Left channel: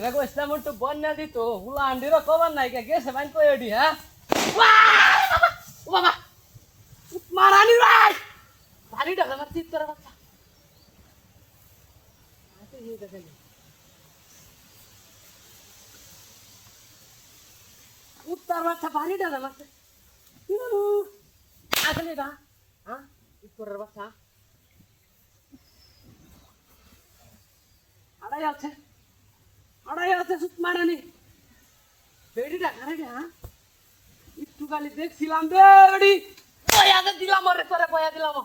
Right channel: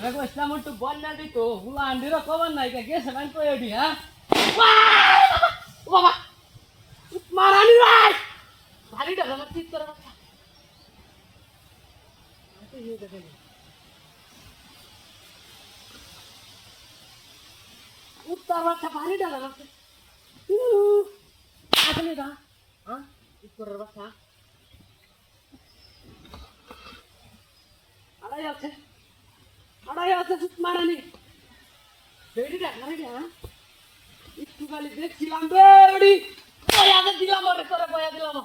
রে কইছিলাম একটু বন্যা দিত হুলা আন্ডির খবর নাই কে গেছে বাইন তো এডি হ্যাঁ বাবা মারানি ভাই ভারী ডালে মার ঠিক করে বাচ্চা উত্তর বাচ্চা ভারী ডালে মার আসলে গা হ্যাঁ উত্তরের বাচ্চা আড়াই আছে সুত মারানি বেড়িটা ঘরে হ্যাঁ একটু খালি দেখছিলাম বেড়ি বয়া দিলাম ওরে তোরে বয়া দিলাম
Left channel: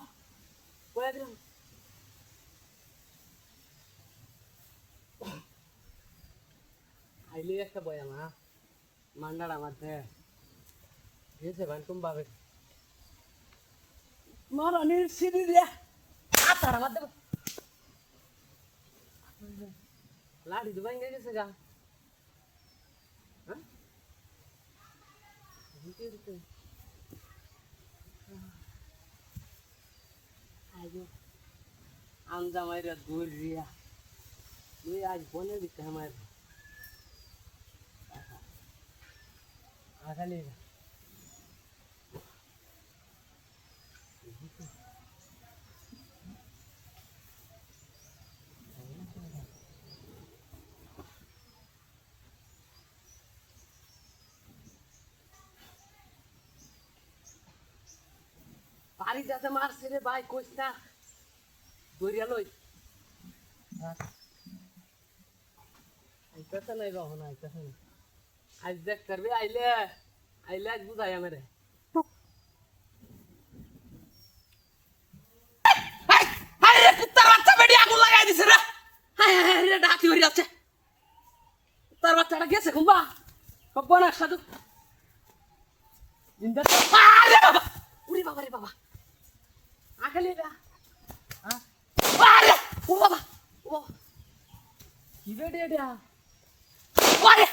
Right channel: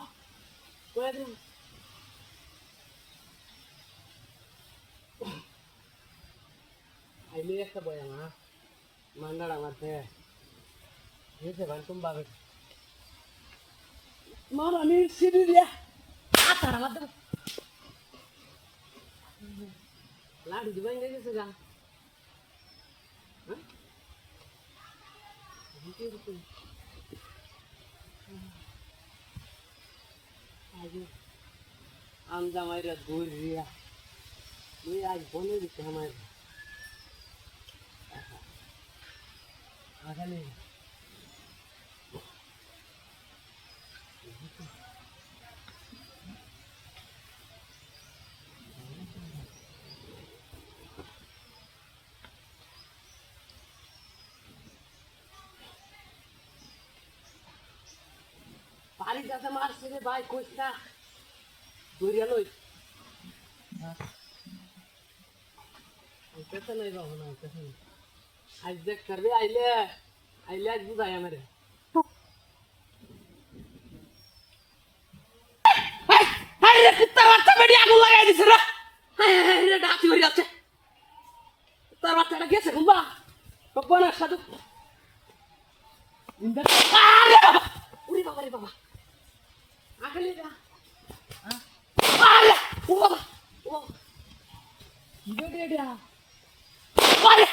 আইলি একটা বয়া মা মান্ডাড়া মারতে হয়েছে ভাই তুমি পাবে মারানির সিঁড়ি দিয়া তারা মার দেবো লাড়ি দিবাই গেছে গা হ্যাঁ আমজা মাইরা দূর রিয়া তুই আজ বলে দিতে আমার আগালি পানি যাতে মারছে রে ভাই কইস না দরিয়া লই আইতেছে নাই বাবা না আইতেছে না আজ দেখ করবে আইলে আজ বুঝাই আমারে রে কুত্তার বাচ্চা বেডি আগুন লাগাই দিছে রে রে ডাকি হয়ে যাচ্ছে কুত্তার বাচ্চাটা গেছে কুম্বা বনার সাথে জিন্দা আরে বাবা উরি বাবা রে বাবা আখালি না আরে ও বাবা ও কি বেডি এটা আরে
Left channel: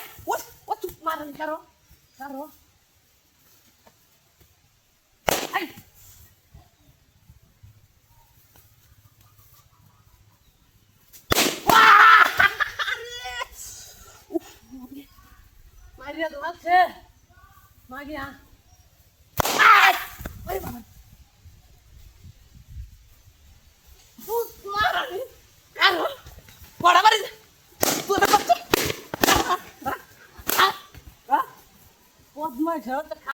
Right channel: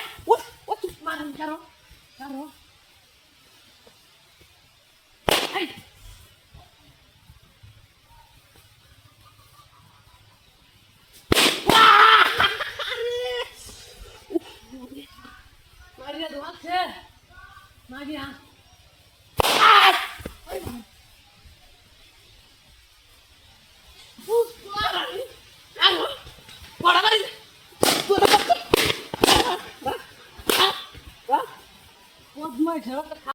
ও তুই মারন কারো I Maria do Alce, Maria.